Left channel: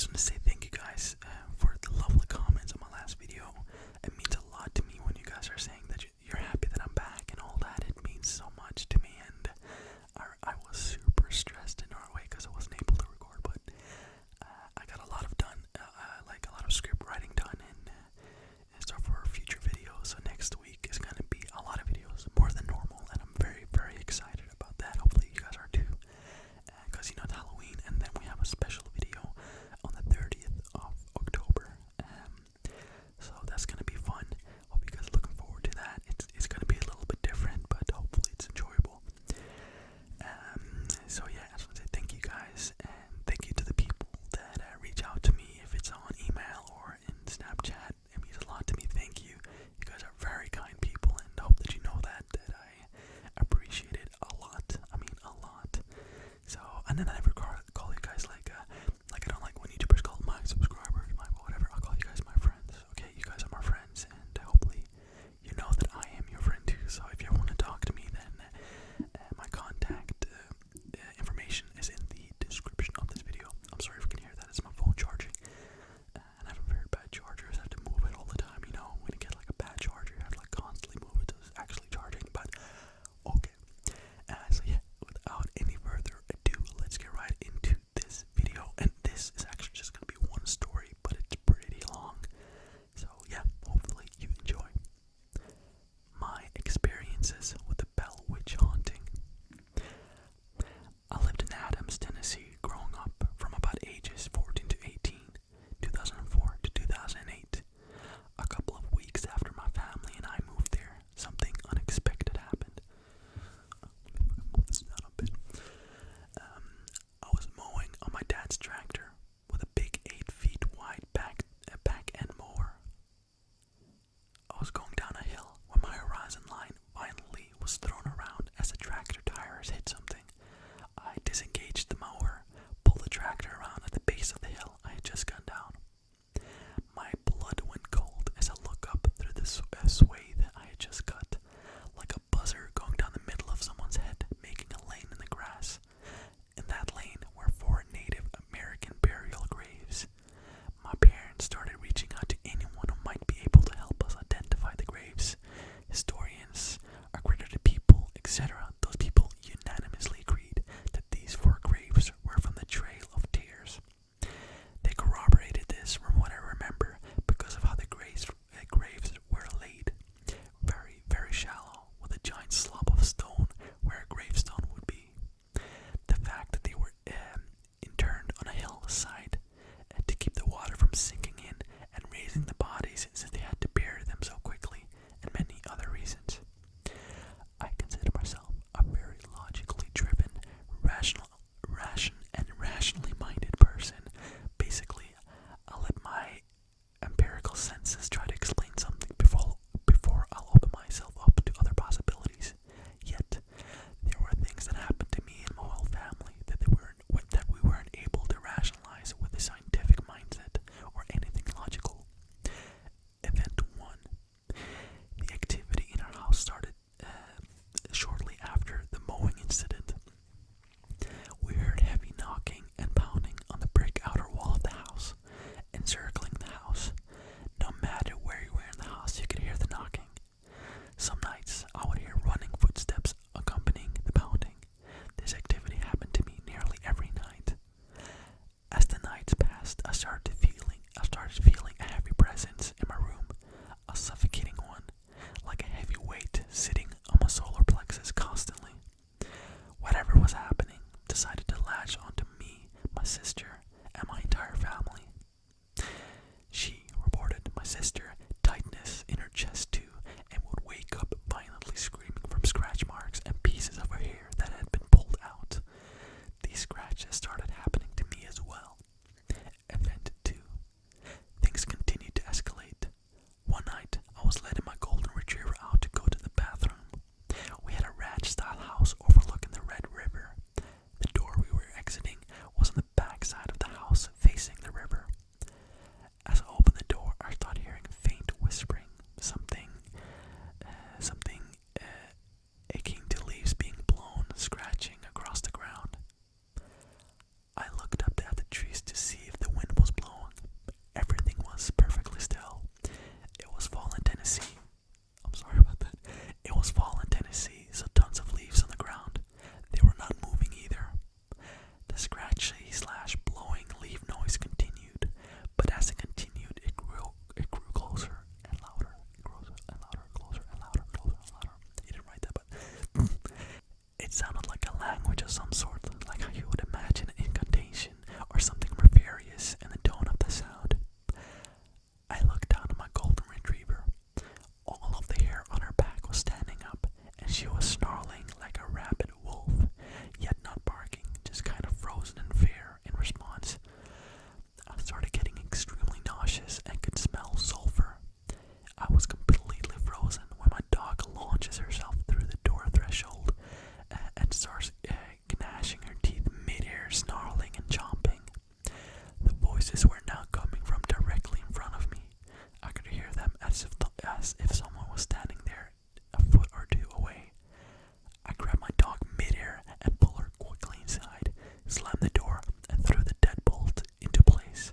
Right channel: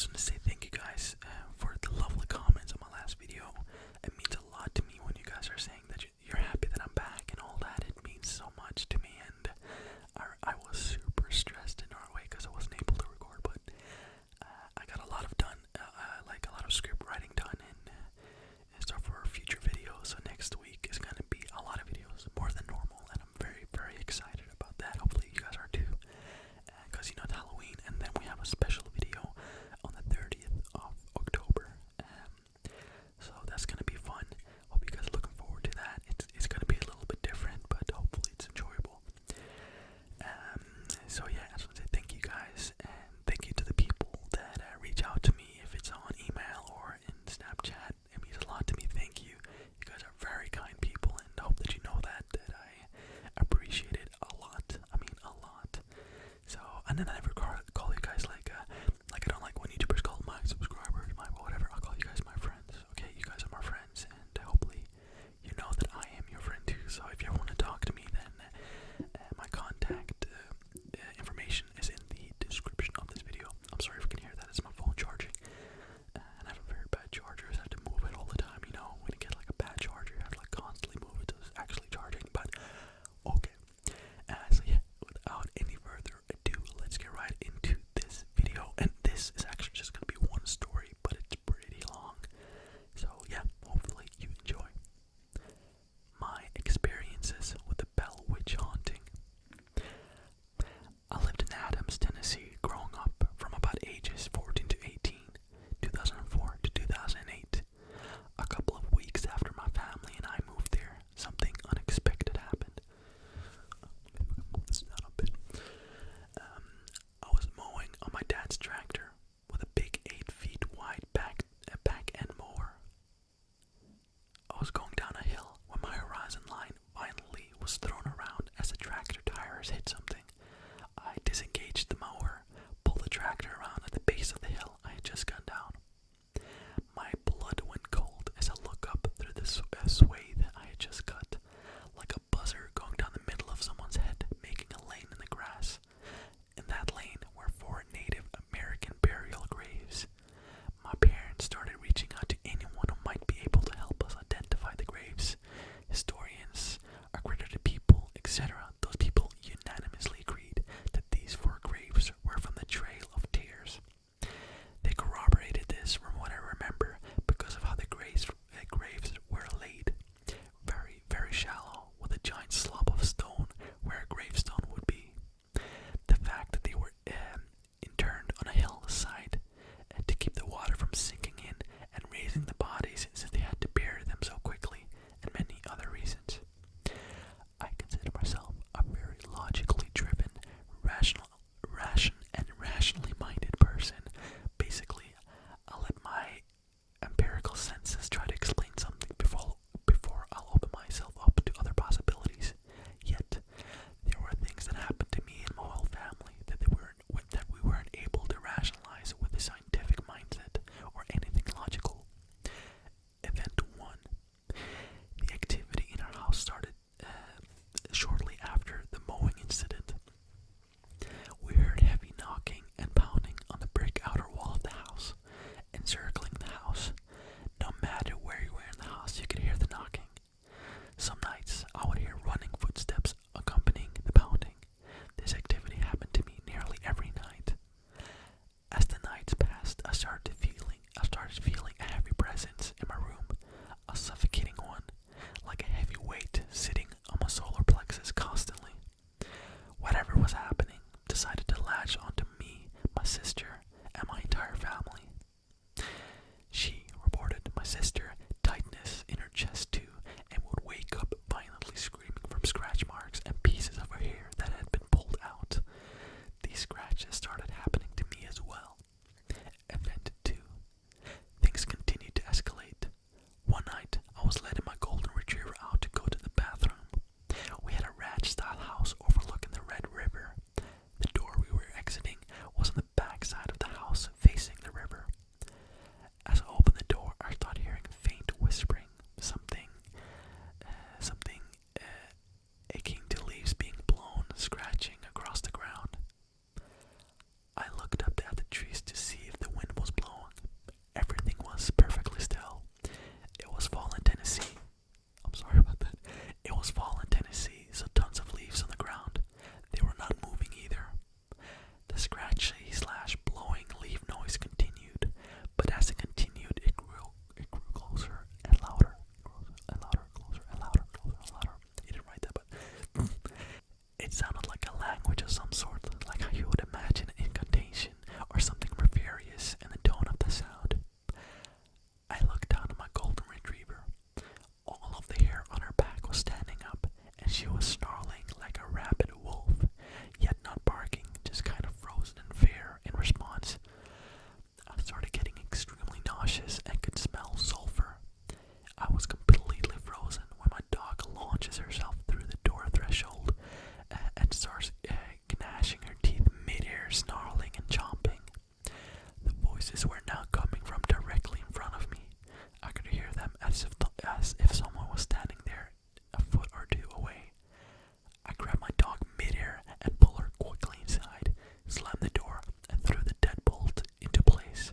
just want to say thank you guys for the lovely comments on my last video. It means a lot to me when you guys are saying that you're happy that I'm back and all that. It means so much to me, and I was super stressed in Norway because I wasn't able to record, but I got a lot of done, like a lot of script writing done, and stuff for future videos. So next week is going to be a lot of videos, more than normal, and I'm very, very excited about that. Hopefully you guys are too, because it's Halloween, and then we have a special video on the 30th of October. So that's going to be fun. Hope you guys are looking forward to that. It's going to be a little bit different, but hopefully it's enjoyable. So yeah, I just want to say thank you guys, and thank you to the people that reach out to me, if it's on email or in Snapchat. It means a lot to me. Thank you. You guys are very kind people, and I hope that you know that I appreciate it a lot. I mean, a lot. So, and then I never call you guys like I don't like when YouTubers call my subscribers, my whatever. I'll call you guys my friends. Okay, you guys are my friends, and hopefully you know that I am your friend too. So if you ever want to talk to me, then my contact information is in the description of this video. I'm sorry if you can hear that. It's my phone charging, and I have a very bad charger. So I have to move it all the time. You know, when you get like a bad charger, you have to like constantly move it to actually charging. But okay. So yeah, without any further ado, let's get right into this video. And this is actually just gonna be one story, but it's pretty long. So yeah, hopefully you enjoy. My experiences with the Bell Witch haunting. I lived in Adams, Tennessee, growing up from about ages 14 to 18, 2004 to 2008. A couple of weeks after my family and I moved there, something unexpected happened. Maybe we can move this down a bit. I was mowing on my dad's tractor with a big 8 feet wide back end mower. I was going down a hill when my horizon line violently was thrown around as the tractor tires hit something. I disengaged the mower, pulled the tractor around at the base of the hill I had just gone down. My blood went cold as I looked up through the swathe I had just cut, like a buzzer going down the middle of someone's head, making a lane in the grass. In that lane were 4 Native American burial graves. My parents started reaching out to anyone who might be able to help us identify the graves. Historians, accredited people, etc. Those people unanimously agreed that these 4 graves were from the Trail of Tears. They corroborated this from what I remember because of how the graves were laid. Very, very shallow, with a giant slab of stone where a gravestone would be. The fact that they were interned on a hillside to keep the water from sinking in and raising the bodies since they had to bury them so quickly, and many other reasons. I consider myself a very logically driven, rationally minded person. Basically, I let my empirical senses try to explain something before I'll open myself up to other possibilities. Yet, there were things that happened to me and my whole family that we weren't able to rationalize with a scientific mindset or anything logical. Event 1. The activity in our house started shortly after the mowing incident. We heard heavy knocking and pounding on the brick outer wall of the house, encircling the house. No matter where you were in the house, you could hear the knocking. Some nights, I would hear running footsteps accompanying the pounding. This activity happened to me nearly every night. As the nights passed, I started feeling a heavy presence in my room, a suffocating one, like a heavy weight sitting on my solar plexus constantly. Whatever was happening decided to latch onto me, my sister, and my entire family. She reported my sister tightness in her chest too, and would wake up violently screaming from scratch marks and pieces of her hair that had been pulled out. These scratches started happening to me as well. Event 2. Things continued to escalate. One night, I was letting my golden retriever out to go to the bathroom Voices were now coming from directly in front of me. I could hear them as if someone was standing there a foot or two away. I grabbed my dog midair and pulled her quickly inside, slammed the door, and threw the deadbolt into place.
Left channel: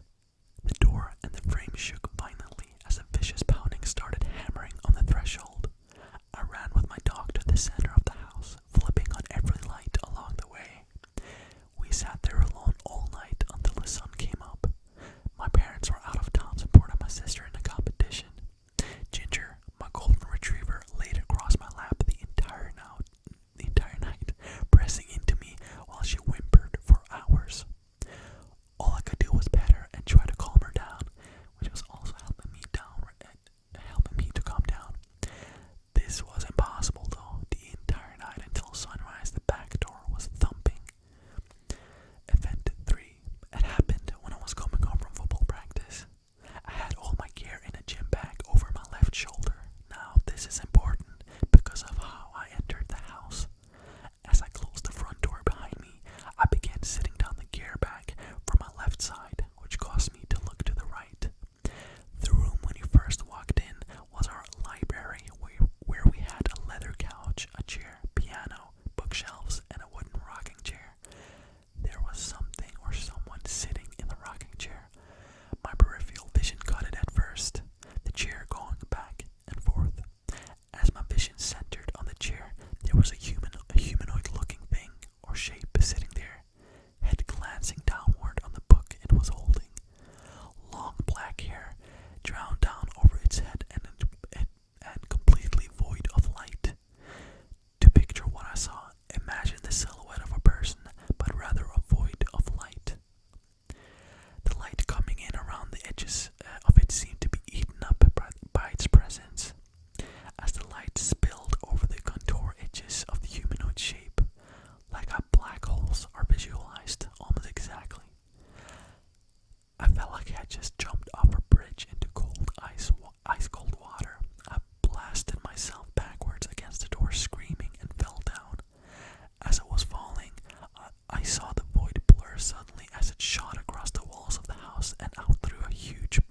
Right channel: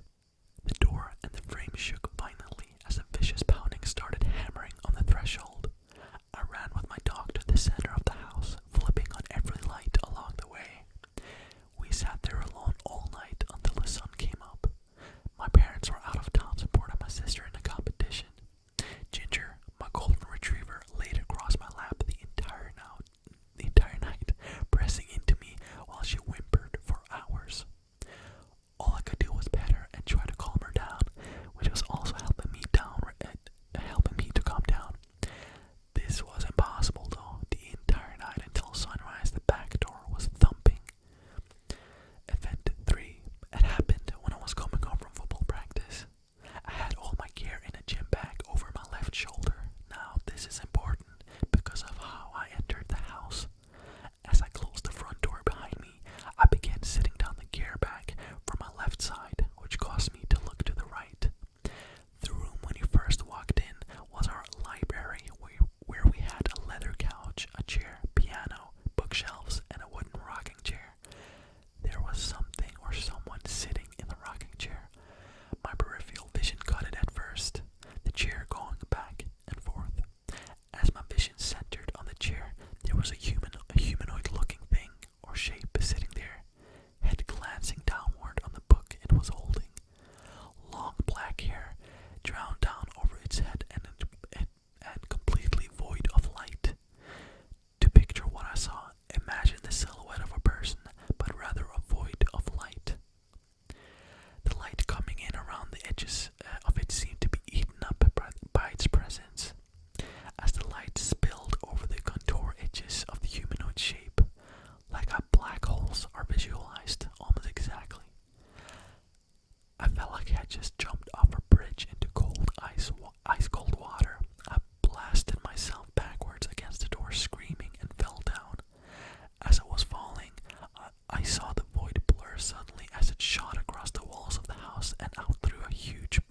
The door and the frame shook violently as a vicious pounding started hammering on the threshold. I ran with my dog to the center of the house, flipping on every light along the way. We sat there alone all night until the sun came up. My parents were out of town supporting my sister in the competition. Ginger, my golden retriever, laid across my lap the entire night, pressing into me while she whimpered for hours. All I could do was pet her and try to calm her down, which was also helping me to calm down. This was impossible though. The entire night until sunrise, the back door was thumping. Event 3. It happened when I was coming home from football practice. I had all my gear in a gym bag over my left shoulder. Now this is important because of how I entered the house. As I closed the front door behind me, I began sitting down the gear bag from my left side, which caused me to look to the right. The room when you first walked in was our library, where we had a leather couch, a chair, piano, bookshelves, and a wooden rocking chair. There was something or someone sitting in the rocking chair. My peripheral vision caught it at first, the chair going back and forth. As my vision centered on the chair, there was a humanoid-looking thing or shape sitting there, head glancing downward on the book it was holding. Long black hair drowned down over its head and completely void of light. To picture what I saw, imagine the silhouette of a person, but rather a void of light. The light coming in around the edges of it seemed to be eaten up by its presence. As the light spilled over the contour edges of the humanoid shape, like how black holes are visualized almost exactly. I felt like I had just jumped off a bridge into ice cold water. I blasted myself backwards against the door, screaming, and fell down. As I was falling, I saw the void blur suddenly as it shot across the walls of the house and out through a huge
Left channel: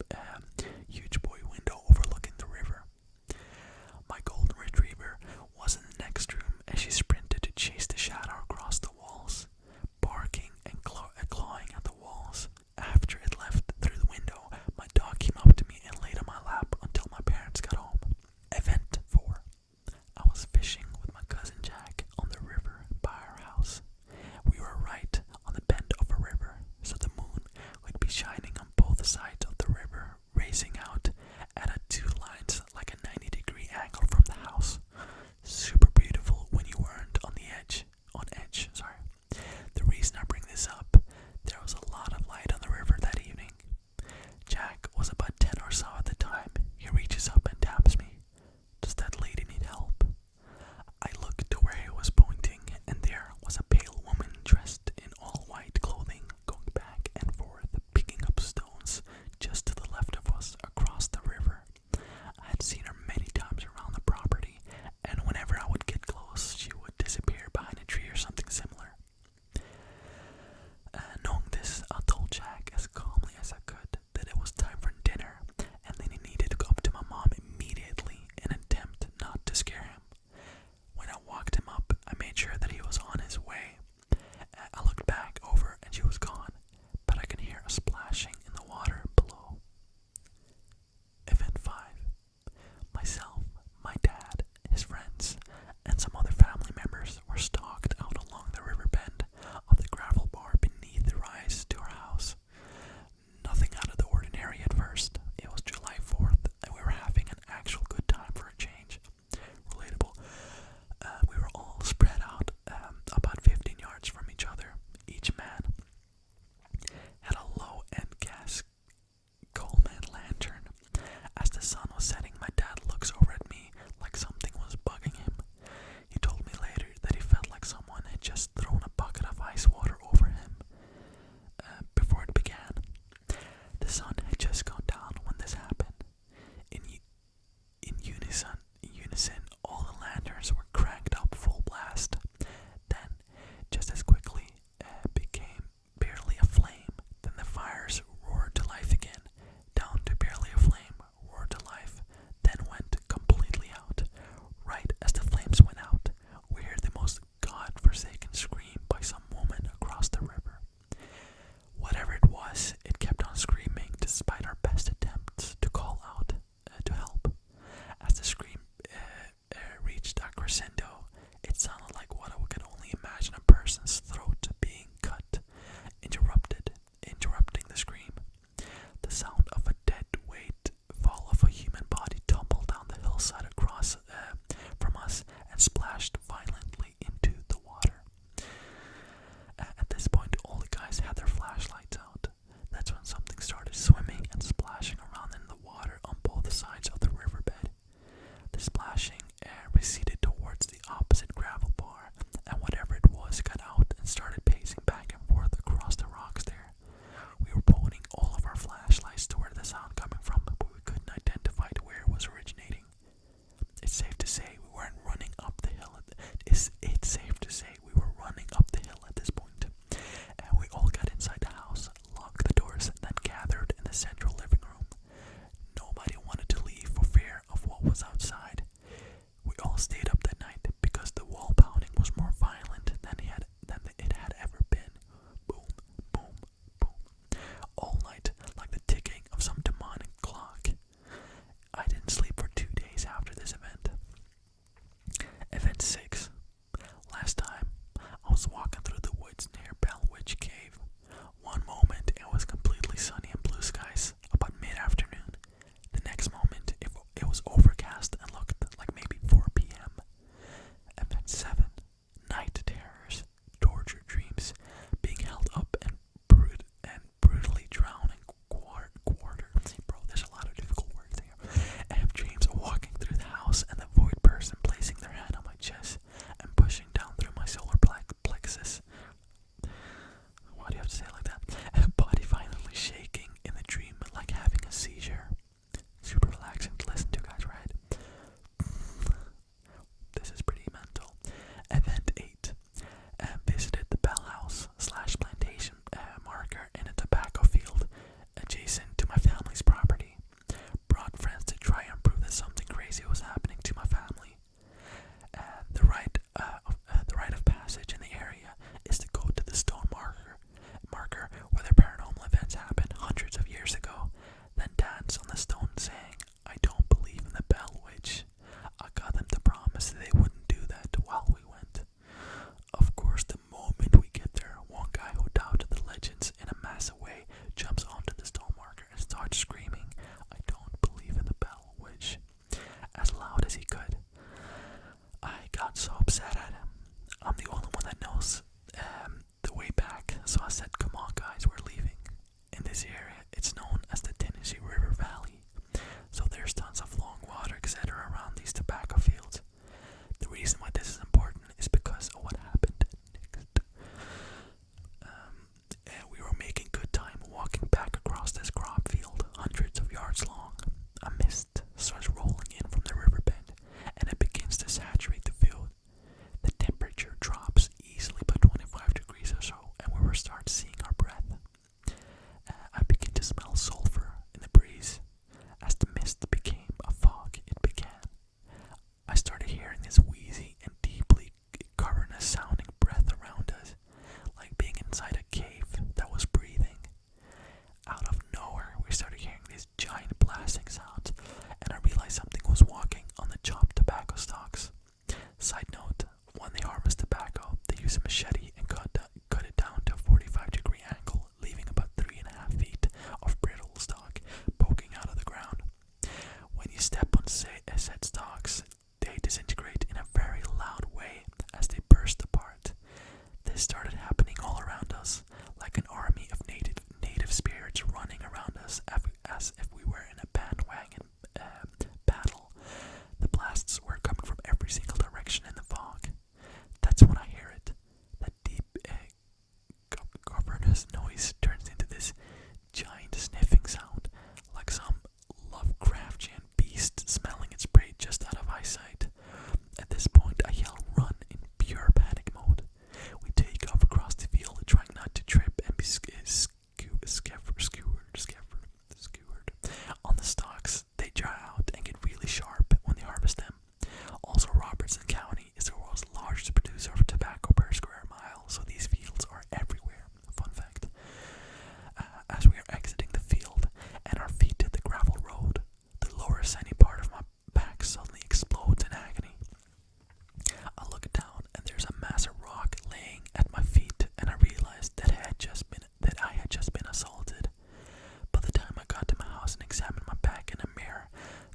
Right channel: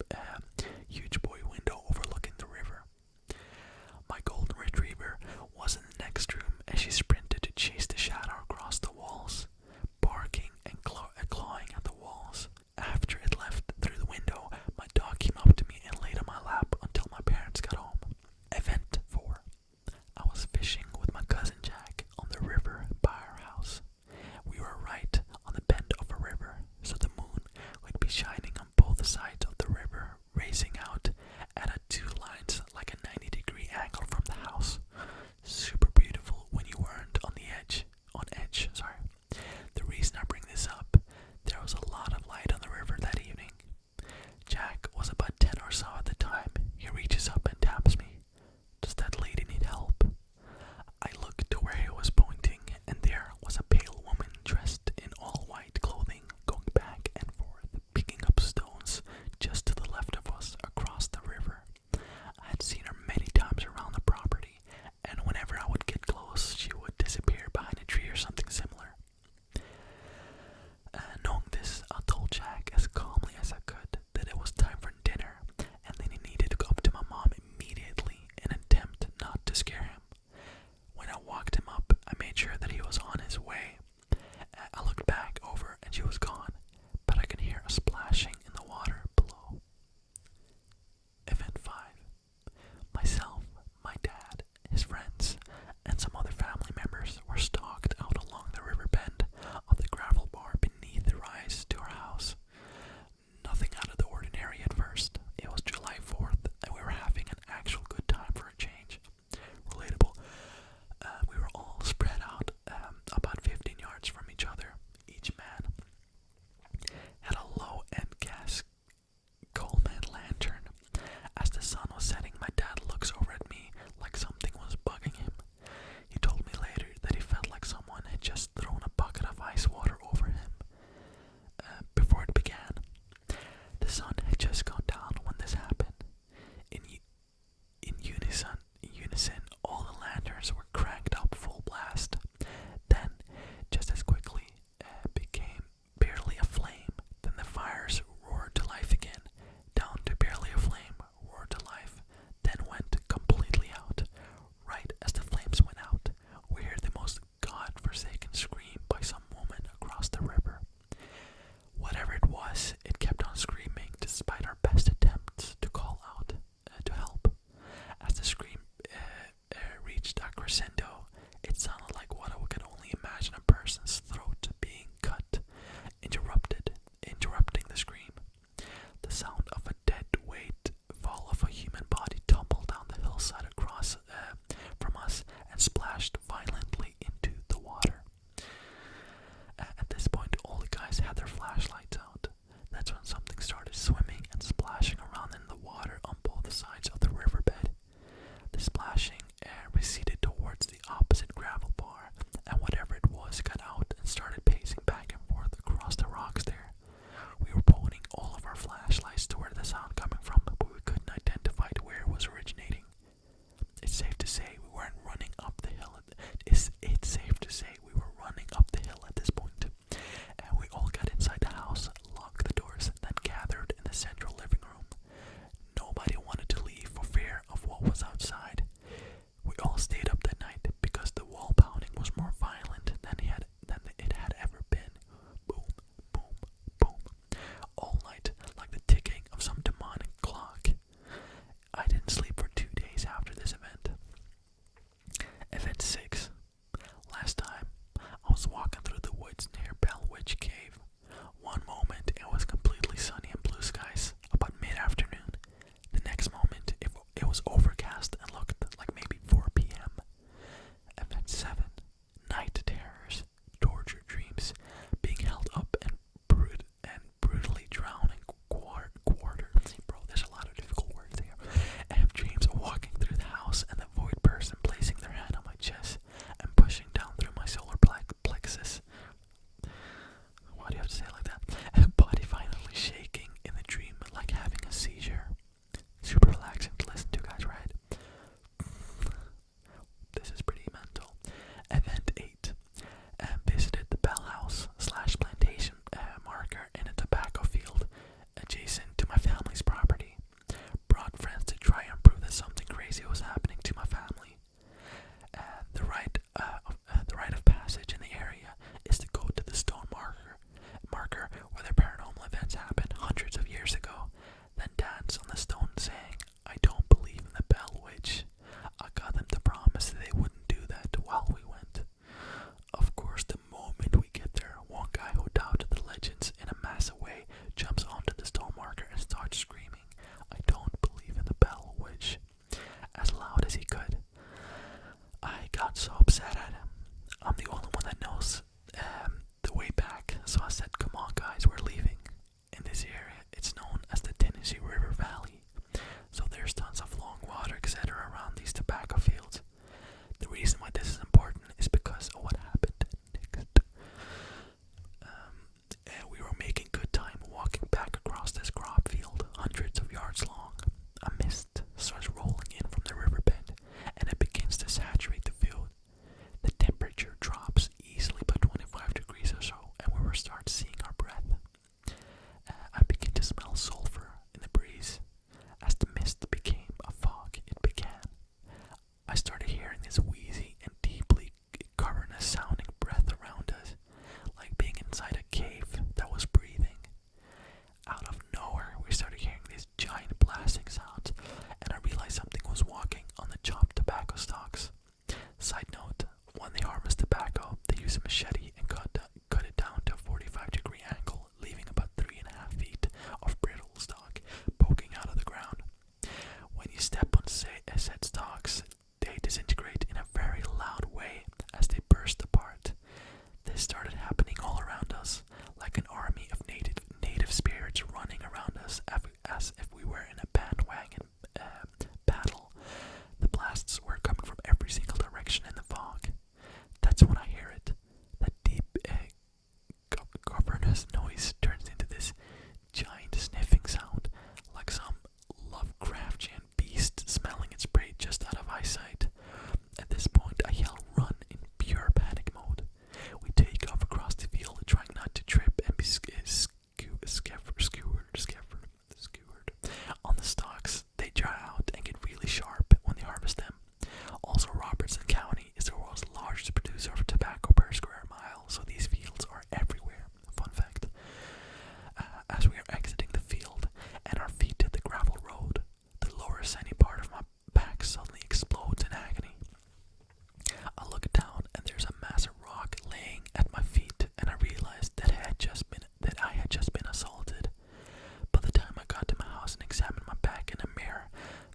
boy window overlooking the river. My golden retriever was in the next room as she sprinted to chase the shadow across the walls, barking and clawing at the walls. After it left through the window, my dog came up to me and laid on my lap until my parents got home. Event 4. I was fishing with my cousin Jack on the river by our house. We were right on the bend of a river, so the moon would be shining on both sides of the river, raising out at two lines like a 90-degree angle from the house. Super beautiful when you weren't on edge. The reason I bring this up, there was a lot of light on the river that evening. Jack was about 10 or so at the time. He reaches up and taps me. Does that lady need help? I looked to where he was pointing, and there was a pale woman dressed in all white clothing going back and forth, picking up stones just to the left of us across the river. hundreds of years ago, then dance on the stone saying, I don't believe in the Bell Witch. I got them to promise that they wouldn't do that while we went. Of course, the moment we get there, one guy who doubted the legends in a massive way jumps onto the stone marker and starts screaming, I don't believe in the Bell Witch, as loud as he could. I got so upset at him. I'm the only one that knows the way back, so I said, come on guys, we're leaving. In this area, it's known as the Tennessee River Valley, so there's tons of long water, etc. around these tobacco fields. The reason why this is important is because of what happened next. We were making good time walking back across this crop field, hundreds of yards long. A mist starts rolling in from the riverbed, and it begins to saturate the field. The temperature drops easily by 25 degrees or so, and we will start seeing our breath. I begin to smell sulfur in the breeze. As the mist became a fog, it began. I started hearing this wheezy and deeply cavernous sounding breath around us, like being inside a cave that was breathing. Out of nowhere, we started hearing these giant blasting sounds, and I realized something was walking on the chopped tobacco stalks. Side note, when they harvest tobacco, they use a machete and cut it down to a 45-degree angle, leaving about 3.5 feet of brittle stalk poking out of the ground. When you step on said stalks, they disintegrate in a very loud way as they burst apart. This started happening all around us, like an army of native spirits running around us as if we were in a bandwagon battle. The blasts were coming from every single direction in the fog. That's when I hear it. That deep, cavernous noise turns into this giant sniffing sound, like some Lovecraftian beast smelling its prey just out of eyesight. At this point, I yell run in pure panic mode. We take off across the field, trying not to trip and be skewered on the stalks. They dry out and get really sharp when they harvest them. Also, Robertson County is the world's largest producer of tobacco per square mile, so these fields are everywhere. Fun fact. As we are exiting the field and our feet hit the gravel road, the lower sandy part of my back suddenly explodes in agony. I look down and there's a massive rock laying at my feet, and I realized that I had just been assaulted. By the time I got to my house and examined my back in a mirror,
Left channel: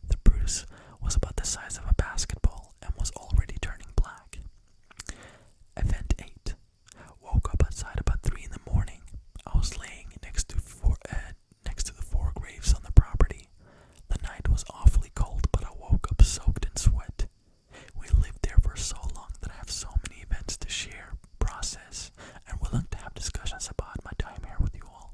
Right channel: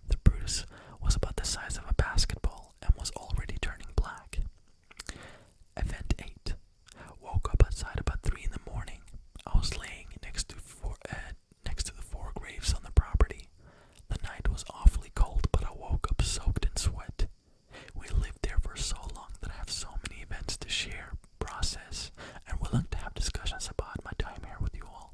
the bruise was about the size of a basketball and was already turning black. Event 8. Woke up outside about 3 in the morning. I was laying next to the 4 graves on the property. The night was awfully cold, but I woke up soaked in sweat. We lived there for so long that I have so many events to share, process, and willing to have discussions about my time here with you all.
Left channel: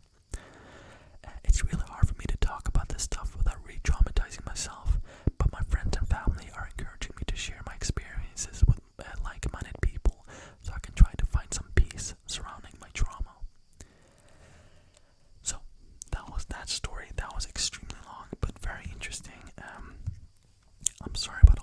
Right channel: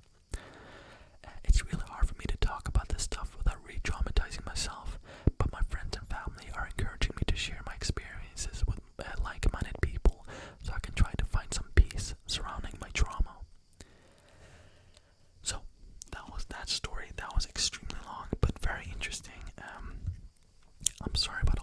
It's really hard for me to talk about this stuff without re-traumatizing myself, but my friends and family are encouraging me to share my experiences with like-minded people so I can try to find some peace surrounding my trauma. So, that was that story. That was extremely long, but very interesting. I'm sorry about